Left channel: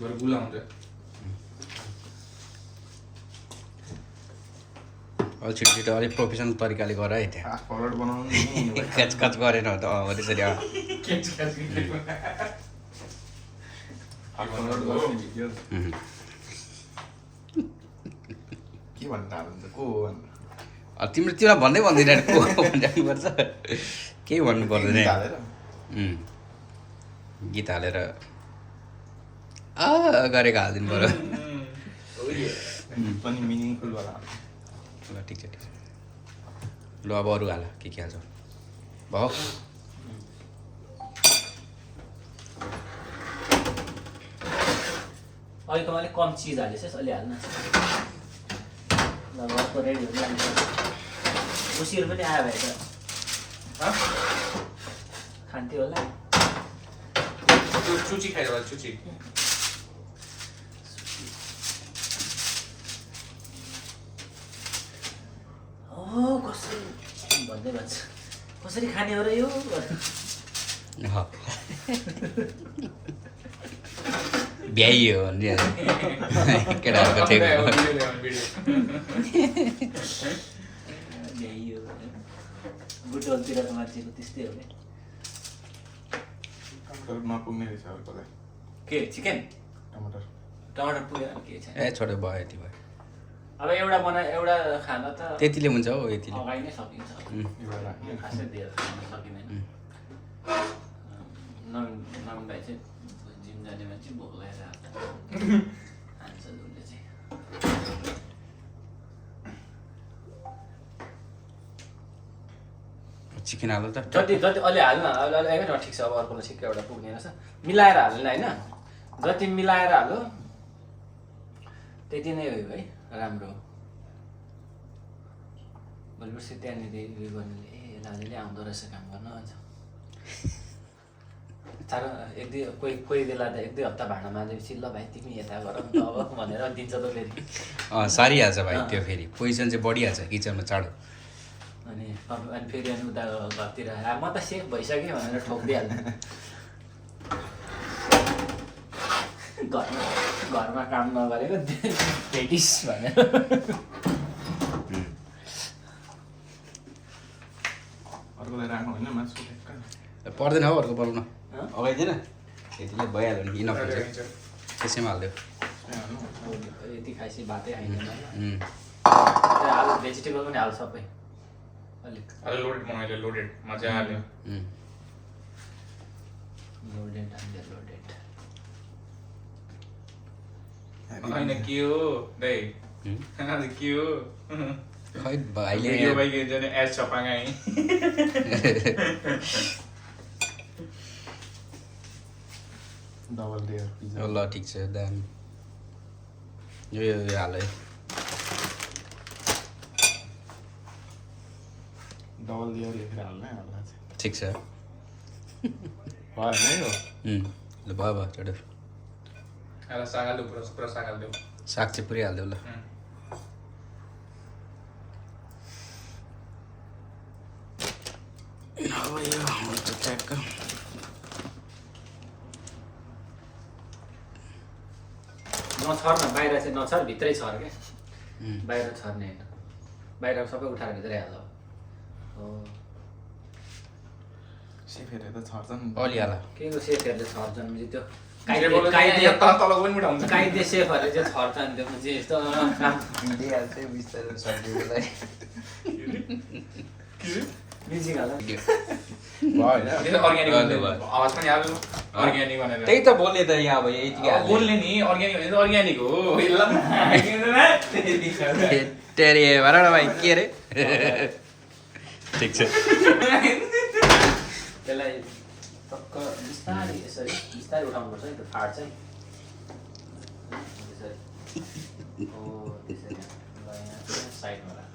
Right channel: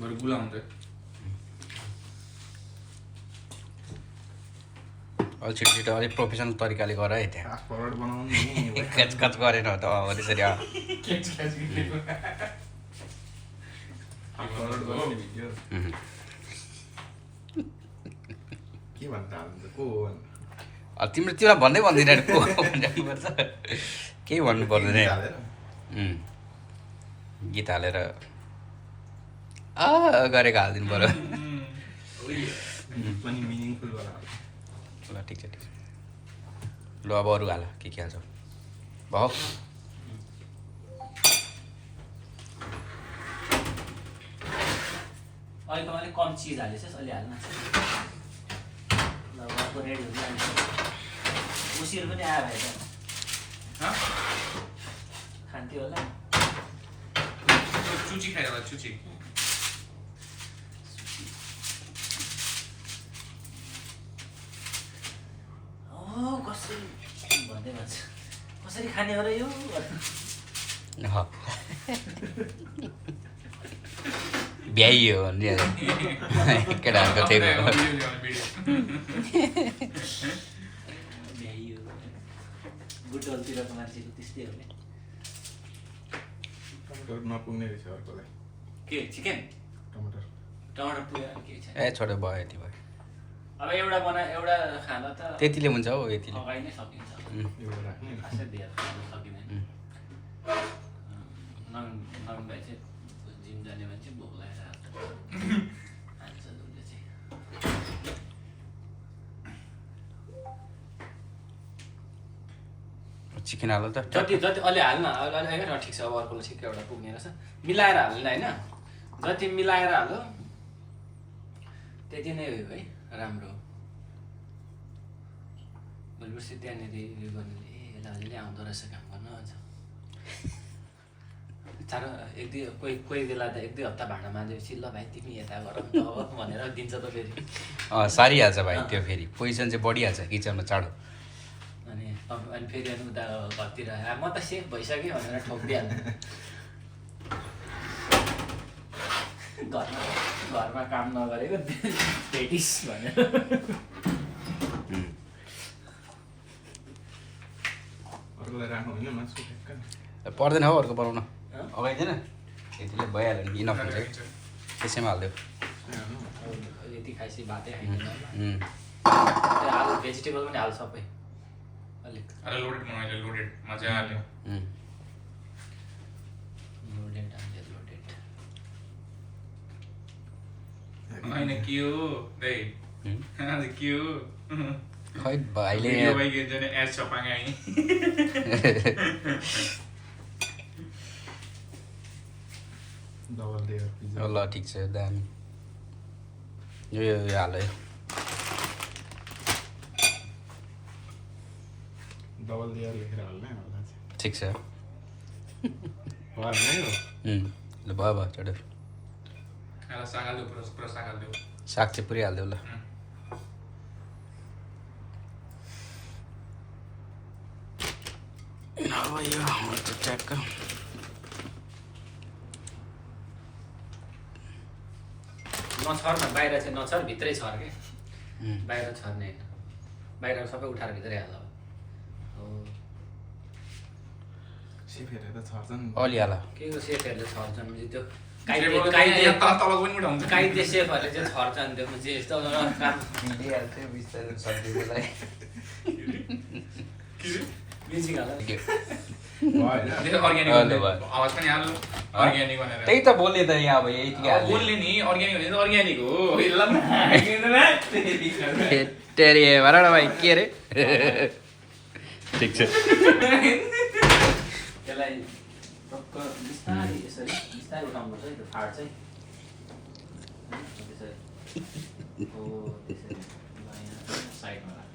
बरु गुलाउँछ अलि छिटो छिटो अलिक प्रोफेसनल तरिकाले गर है त्यहाँ फास्ट फरवर्ड बनाउनु खचखच गरेन त अब त्यसरी फास्ट फरवर्ड गराउने भिडियो के भन्न थाल्नु को हो तिम्रो तिमीलाई भन्दै भन्दैन को भन्नुपर्छ केही भन्नु पर्दैन गीत हालेर गरेको हालिदिनु पर्यो पनि मिनिङफुल वाला ल ठिक छ ठिक छ ल अब अरू हाल के हाल्छ भयो अहिलेको अलिक कम चिज हालेछ अलि हाल्नु अर्को रेडी हुन्छ उसिर पनि आयो भए त खान्थ्यो होला चुची खाइदियो होला चुची कसरी भन्दै भन्छ कसरी खाने हो र यो भ्याइयो भने केटाहरूको त्यही बुटोलतिरको मान्छेको त्यस्तै हो टमाटर नपुग्ने रहेछ अर्कोलाई के चिकन टमाटर टमाटर पुग्यो के छ ए छोटो भयो यति भयो अब एउटा एउटा खाना त त्यतिले हुन्छ हौ यतिले अगाइ नै सकिन्छ एउटा राख्ने खासै दिएर खान सकिँदैन नङ भाइ चाहिँ जिम जाने मान्छे भोक लागेर खान्छ उसले चाहिँ चिकन हाल्नु त जति जति अलि हाल्न अलि न ठिक छ अब अर्कोलाई ठिकै एउटा पुग्ने रहेछ मिलाएर हाल्नु होइन जति मिलाएर हाल्यो त्यति नै हो है राम्रो भोलि पर्सि त्यहाँनिर उयो गर्नेले ए दाजुले आउँदो रहेछ काम गर्न भन्छ साह्रो एक दुई कोही बेला त एक दुई हप्ता भाँडा माझेपछि ल भाइ तिमी यता गर अब भनेर दिन्छ त फेरि सारिहाल्छ भाइ त्यो फेरि पोजिसन चाहिँ बढिहाल्छ किचनमा चाँडो अनि फेरि अनि उता घरतिर म त सेफ भइसक्यो भनेर ठोकिदिइहाल्छ घरमा काम नगरेको भेटिस भनेर अर्कोलाई राख्नु होइन मासु पर्दैन हौ अर्को बनाउन अगाइदिएन यतिले भइहाल्यो नि इनफ हुन्छ त्यसैमा हालिदियो यति खाएपछि भातै खाइँदैन आलु भेजिटेबल पनि हाल्छ सबै अलिक लोडेड बनायो लोडेड मजा आयो लोडेड हाल्यो लोडेड होइन के हो दाइ आज के हो खै भाइले एड छपागाई डबल लेयर ल ठिक छ दामी यो हाल है डबल लेयर लेखेर हाल्ने हाल्न ठिक छ भयो होइन यो ल भयो चढ्यो साग हाल्यो पुरा साग हाल्यो साग चाहिँ पुरै हालिदेऊ ल अब यो ट्याक्क नछर न बाहिर चाहिँ नछर भित्रै छर क्या बाहिर छर्ने होइन बाहिर सबै उठाएर भित्रै हाल्छ सेफहरूले त छर्छ नि अलि हाल के को सेफहरूले छर्छन् त्यो तलको पनि उठाउँछ काइदे सेफहरूले चाहिँ छर्छन् त्यो चाहिँ यस्तो दिइहाल्छ बिस्तारै सब्जीको लागि म्युजिक हाल्नु आवाज पनि हाल्नु अर्ग्यानिक भनेर त्यही त बोल्ने त यहाँ अब यतिकै बोल्ने नि अर्ग्यानिक भने त अर्ग्यानिक हो तेरे भन न भाइ के अरे ठिक छ त्यसलाई टक्क बिस्तारै यसरी बिस्तारै उठाउनुपर्छ है त्यो फाट्छ है त्यसरी हो त्यसरी ल यहाँ साइडमा राख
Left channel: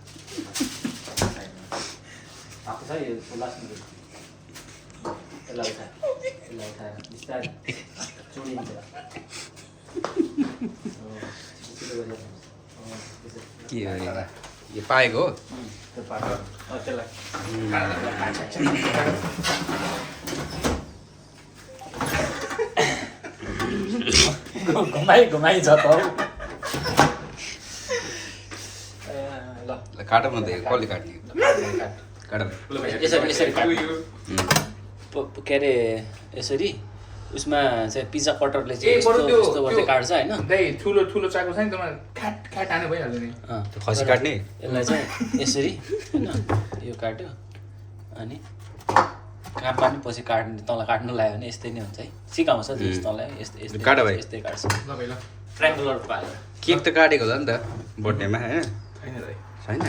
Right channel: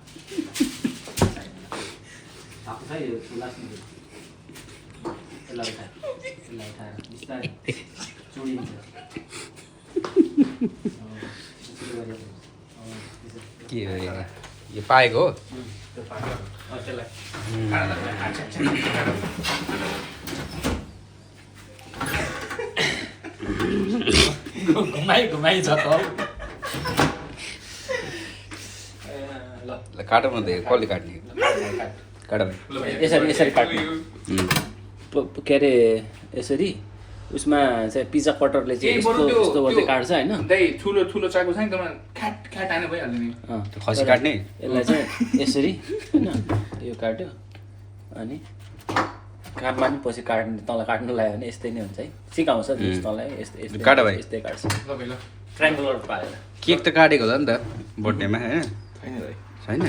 आएको छ यो लास्टमा यसलाई उठाएर बिस्तारै चुडिन्छ के हो यो पाएको हो त्यो पाक्छ त्यसलाई घुमाइ छ त ल ल काट भन्दै कसले काट्ने काट भाइ यसरी काट्नु के अरे यसरी उसमा चाहिँ पिज्जा कटरले चाहिँ यस्तो यस्तो गर्दै काट्छ होइन ठुलो ठुलो चाकु छ नि त्यसमा ख्याट ख्याट हाने भइहाल्छ नि त्यो खसी काट्ने यसलाई चाहिँ यसरी होइन यो काट्यो अनि काट्ला नि पछि काट्नु तल काट्नु लाग्यो भने यस्तै नै हुन्छ है सिकाउँछ तँलाई यस्तै काट भाइ। यस्तै काट्छ ल भाइ ल ट्रायङ्गुलर पारेर केक त काटेको होला नि त बर्थडेमा होइन छैन भाइ छैन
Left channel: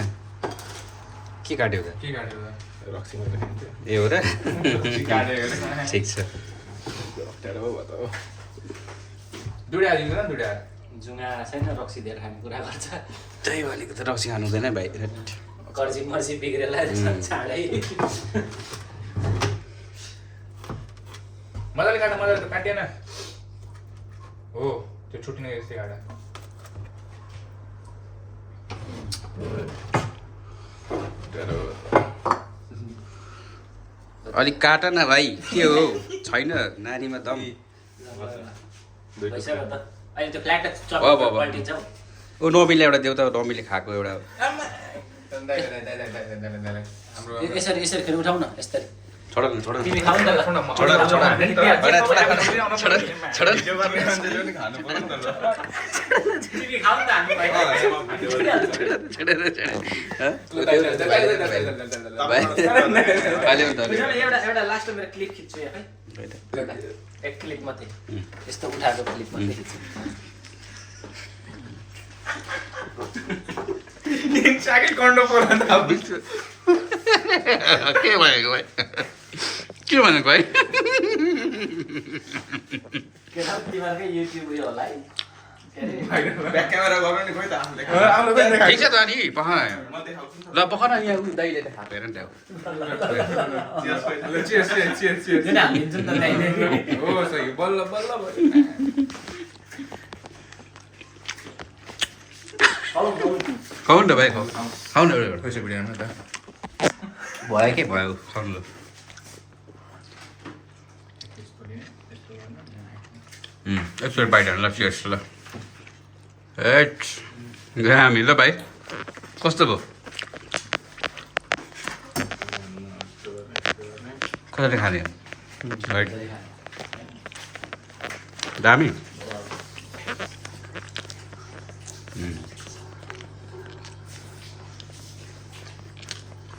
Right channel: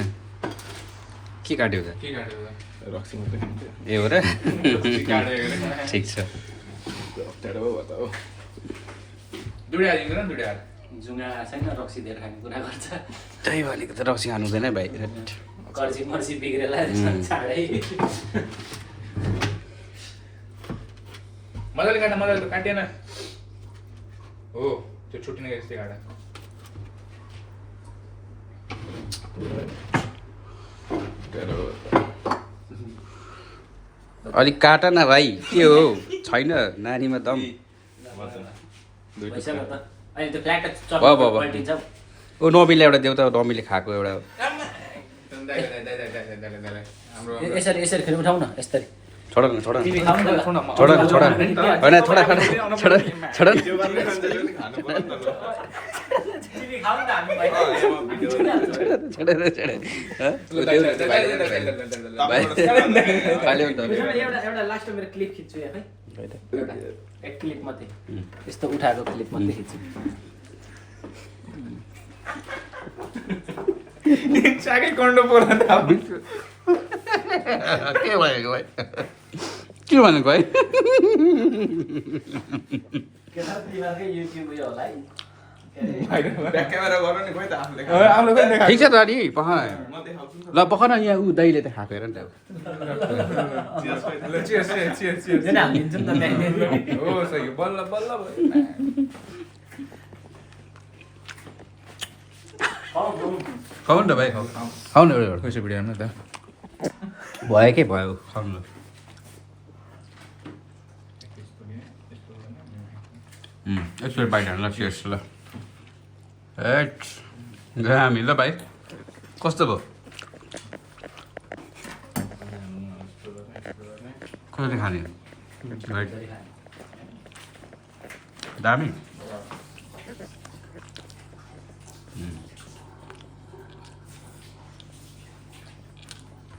के काट्यो त के काट्यो रक्सीमा त खान्छ ए हो र काट्यो ठिक छ अप्ठ्यारो भयो त हो दुडा हालेको न दुडा जुङ्गा छैन रक्सी धेरै खाने कुरा गर्छ त्यही भनेको त रक्सी खानु हुँदैन भाइ कर्सी मर्सी बिग्रेला चाँडै मजाले काट मजाले त काटिएन हो त्यो छुट्टिने यस्तै काटा अलिक काट न भाइ के हो छैन नानीमा दम भइसक्यो त अहिले त्यो फ्ल्याट अब। पल्टिन्छ ओ नबीले एउटा देऊ त नबीले खाएको एउटा यसरी यसरी फेरि उठाउ न यसरी छोड न छोड न तिमी खाऊ न ल छोड न छोड न होइन छोड छोड तिमी खाऊ न हामी छोड एउटा लास्ट मेरो क्लिप खिच्छु यहाँ है एक क्लिप मात्रै यस्तो उठाएको क्लिप मात्रै खिच्छु चाकै कन्डो पर्न त अब के भएको भाइ के भनेको भाइ तिमीहरूकै युट्युब उयो होला है ब्याक क्यामेरा गर्नु नि खोइ त आफूले आफूले पनि देखा ठिक छ त अनि पख म देखाउँछु ल पख न यहाँ उयो दैले त खापेर नि त चियर्स चियर्स चियर्स चियर्स किन हालिदिन्छु नि त त्यहीँ हो सही बल्ल बल्ल खाऊ नि त भाइ खाऊ खाऊ न एउटा कसै भिडियो हेर्नु त भयो के भयो खाउनु ल एकचोटि बाइट हाल्नु ल चियर्स ल एट गयो हामी ल भाइ कस्तो भयो कसरी खाने राइट दामी